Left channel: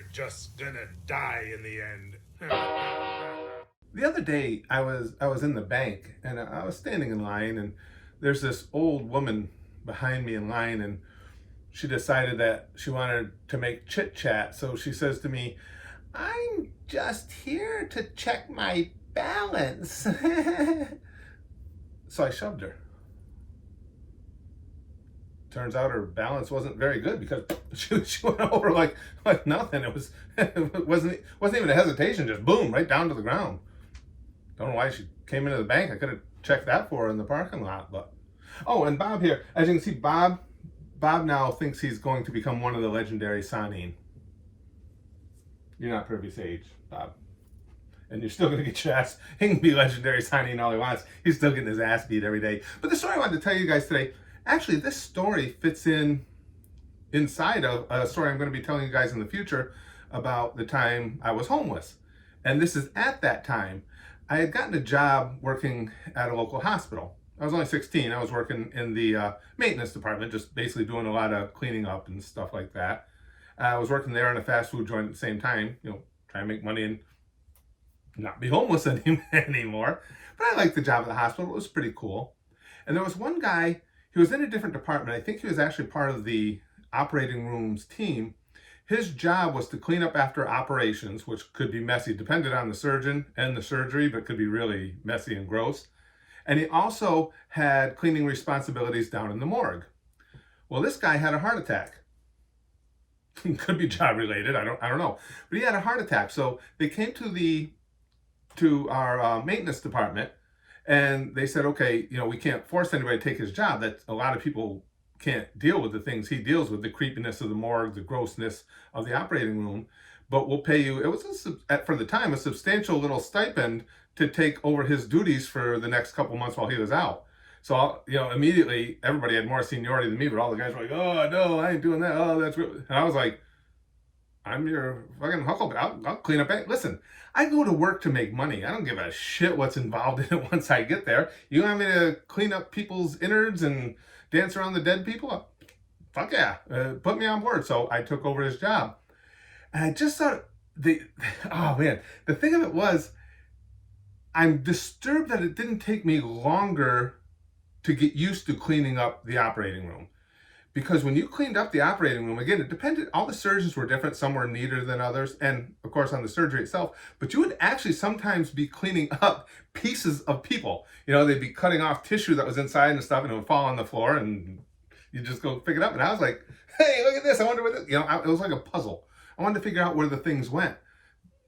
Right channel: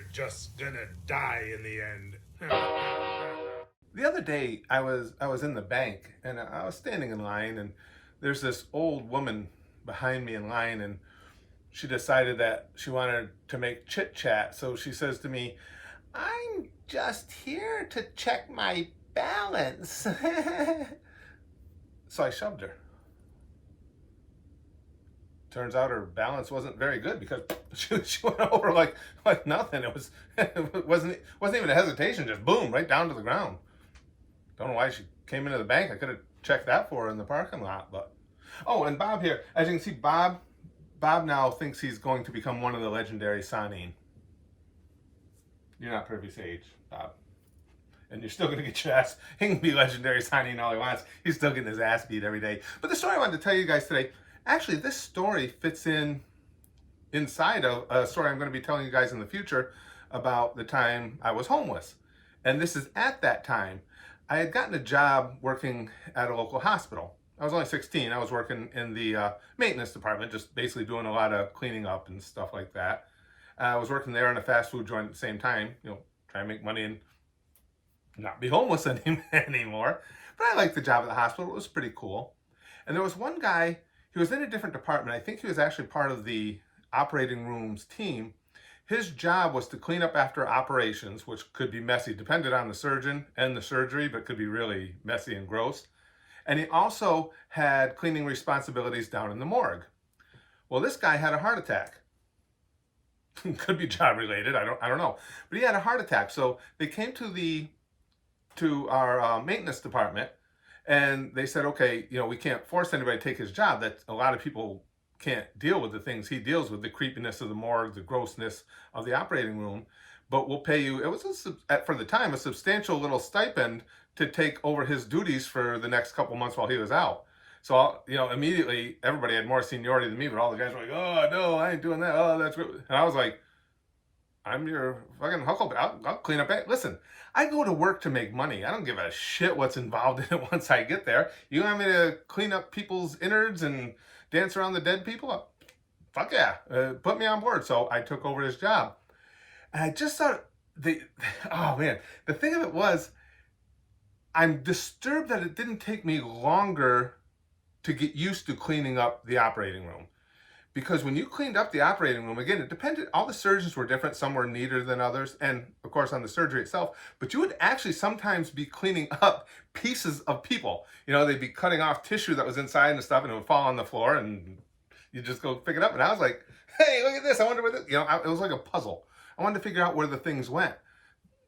you're just gonna die in the end. The other day, I was in the bank and I was standing in line, and there's this old woman behind me in line, and she decided that she wanted to make chit chat. So she says to me, "I'm just here to check my balance." So I shoved her. Turns out her balance wasn't very good because she went over like nothing. It wasn't even a hesitation, just boom, right down to the ground. Don't know why she came into the bank. I could have checked that for her in the parking lot. But oh, and Bob here, as you can see, Bob now thinks he's going to become one of the legendary Sanin. You're not privy sage, Bob. And you're still going to get your ass. He can be legendary Sanin all he wants. He's still getting his ass beat every day. But the story I wanted to tell you guys today, actually, this story fits inside of a story I'm going to be telling you guys in the future about the time I was homeless. And this is at that time. I had gotten a job working at a local hospital. I was only 16. I was working in the maintenance department, just basically doing a lot of cleaning up and stuff like that. I was working there in a fast food joint at the same time, trying to make money and not be homeless anymore. But I liked the job at the hospital. It was pretty cool. And there was one guy, he was in a different department. I think he was actually part of the operating room's team. His job was to clean up after operations, which could be messy, depended on the surgeon and the surgery, but could be really messy and gross. And he also had cleaning responsibilities down in the morgue. Well, this guy had a heart attack. Could be job related, I don't know. But he had a heart attack. So they came to our maintenance department, and they said, okay, we can't force anybody to take his job. That a lot of people can't deal with the things he deals with, the creepiness of the morgue, the grossness of the operating room, but we'll pay you. It was, for the time, a substantial little stipend to take over his duties for the next couple months while he was out. So, immediately everybody had more seniority than me, but all the guys were like, "Oh, no, I ain't doing that. Oh, that's good." And I was like, "I'm your fucking huckleberry. I'll clean up. Listen, I go to work to make money. I don't give a shit what's involved in it once I get there. You want me to clean up people's innards and dance around the dead people? Fuck yeah, put me on board." So I took over his job. And I just thought, oh man, the thing of it was, I'm disturbed that it didn't take me longer to get used to cleaning up the operating room. Because when you cleaned up the operating room, again, it depended, all the surgeons were different. Some were neater than others, and of course on the surgery itself, but you would actually sometimes be cleaning up pieces of people. They'd be cutting off tissue that was inside and stuff, and it would fall on the floor, and you just go pick it up. And I was like, "Hey, look at this. I wonder where this," it was like a puzzle. I wanted to figure out where the things went.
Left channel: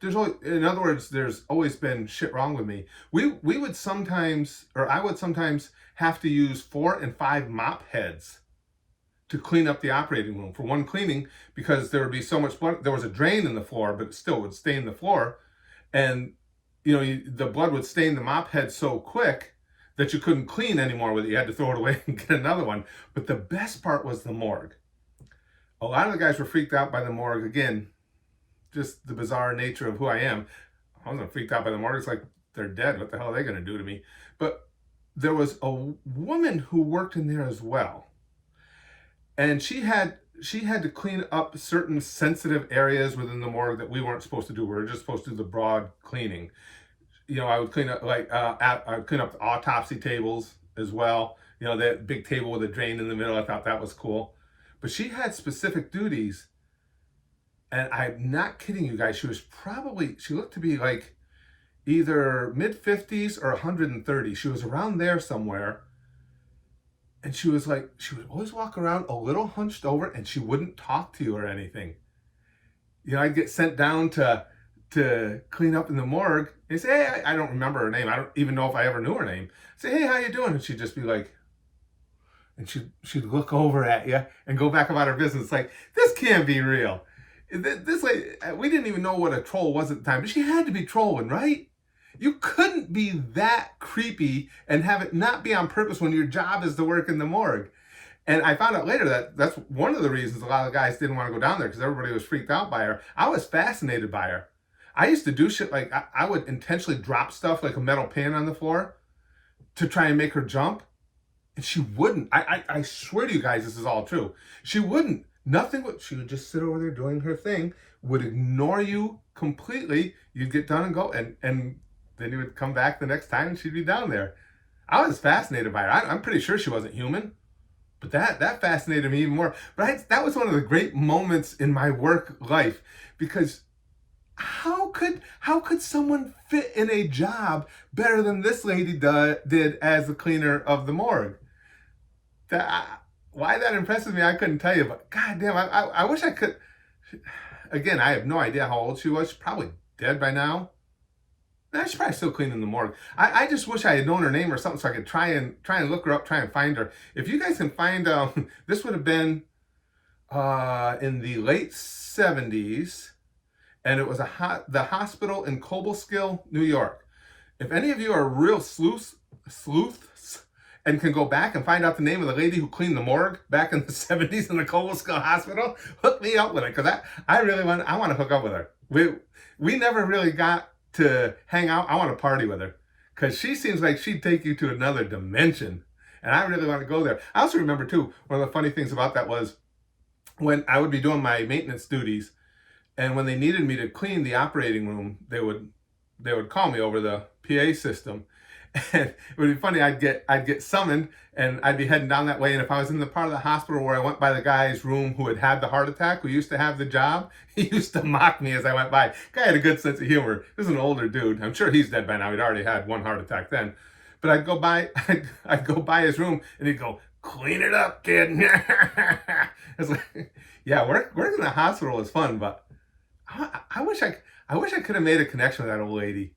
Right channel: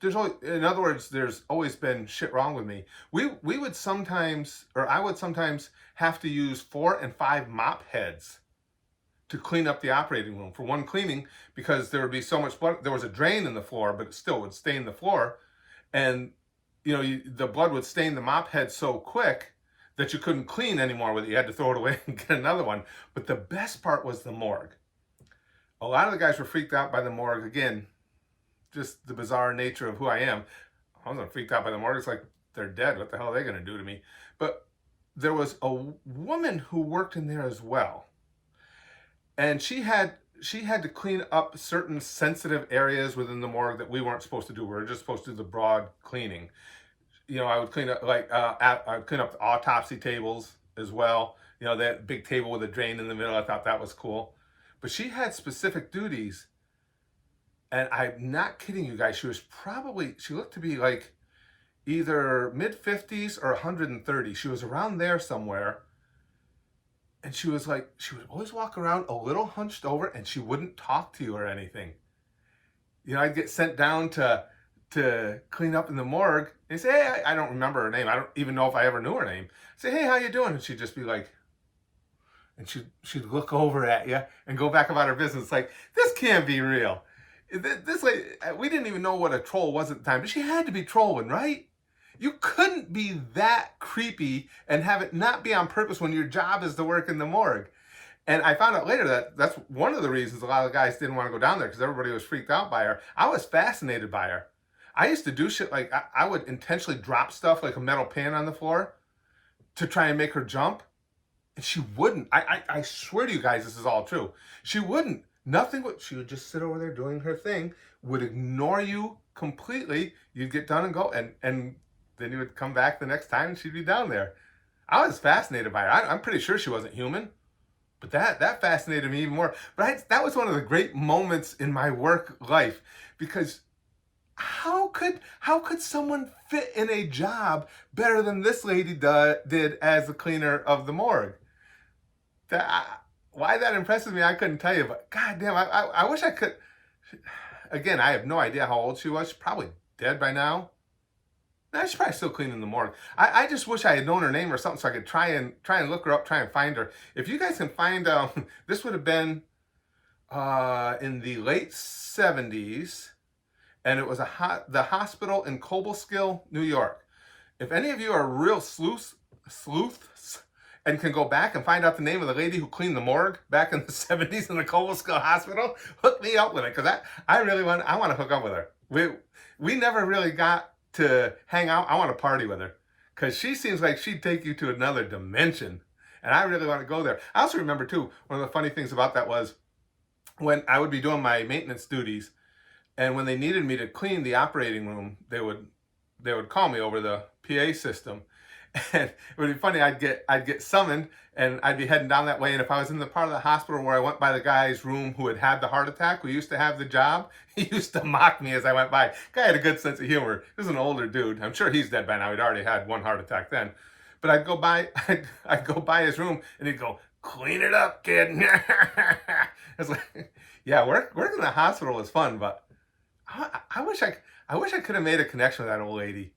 In other words, there's always been shit wrong with me. We would sometimes, or I would sometimes have to use 4 and 5 mop heads to clean up the operating room for one cleaning, because there would be so much blood. There was a drain in the floor, but it still would stain the floor. And, the blood would stain the mop head so quick that you couldn't clean anymore with it. You had to throw it away and get another one. But the best part was the morgue. A lot of the guys were freaked out by the morgue. Again, just the bizarre nature of who I am. I wasn't freaked out by the morgue. It's like, they're dead. What the hell are they going to do to me? But there was a woman who worked in there as well. And she had to clean up certain sensitive areas within the morgue that we weren't supposed to do. We were just supposed to do the broad cleaning. I would clean up, I would clean up the autopsy tables as well. That big table with a drain in the middle. I thought that was cool. But she had specific duties. And I'm not kidding you guys. She looked to be like either mid-50s or 130. She was around there somewhere. And she would always walk around a little hunched over, and she wouldn't talk to you or anything. I'd get sent down to clean up in the morgue. And say, "Hey," I don't remember her name. I don't even know if I ever knew her name. Say, "Hey, how you doing?" And she'd just be like, and she'd look over at you and go back about her business. Like, this can't be real. This lady, we didn't even know what a troll was at the time, but she had to be trolling, right? You couldn't be that creepy and have it not be on purpose when your job is to work in the morgue. And I found out later that that's one of the reasons a lot of the guys didn't want to go down there, because everybody was freaked out by her. I was fascinated by her. I used to do shit like, I would intentionally drop stuff like a metal pan on the floor to try and make her jump. And she wouldn't. I swear to you guys, this is all true. She wouldn't. Nothing would. She would just sit over there doing her thing would ignore you completely. You'd get done and go, and then you would come back the next time and she'd be down there. I was fascinated by her. I'm pretty sure she wasn't human, but that fascinated me even more. But that was one of the great moments in my work life, because how could someone fit in a job better than this lady did as the cleaner of the morgue? Why that impresses me, I couldn't tell you. But goddamn, I wish I could. Again, I have no idea how old she was. She's probably dead by now. Nah, she's probably still cleaning the morgue. I just wish I had known her name or something so I could try and look her up, try and find her. If you guys can find, this would have been in the late 70s, and it was the hospital in Cobleskill, New York. If any of you are real sleuths and can go back and find out the name of the lady who cleaned the morgue back in the 70s in the Cobleskill Hospital, hook me up with it, because I want to hook up with her. We never really got to hang out. I want to party with her, because she seems like she'd take you to another dimension, and I really want to go there. I also remember too, one of the funny things about that was when I would be doing my maintenance duties, and when they needed me to clean the operating room, they would call me over the PA system. And it would be funny, I'd get summoned, and I'd be heading down that way, and if I was in the part of the hospital where I went by the guy's room who had the heart attack, who used to have the job, he used to mock me as I went by. Guy had a good sense of humor. This is an older dude. I'm sure he's dead by now. He'd already had one heart attack then. But I'd go by his room, and he'd go, "Clean it up, kid." It's like, yeah, working in the hospital is fun, but I wish I could have made a connection with that old lady.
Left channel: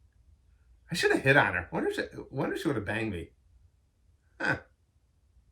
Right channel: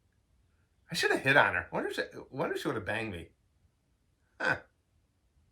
I should have hit on her. Wonder if she would have banged me. Huh.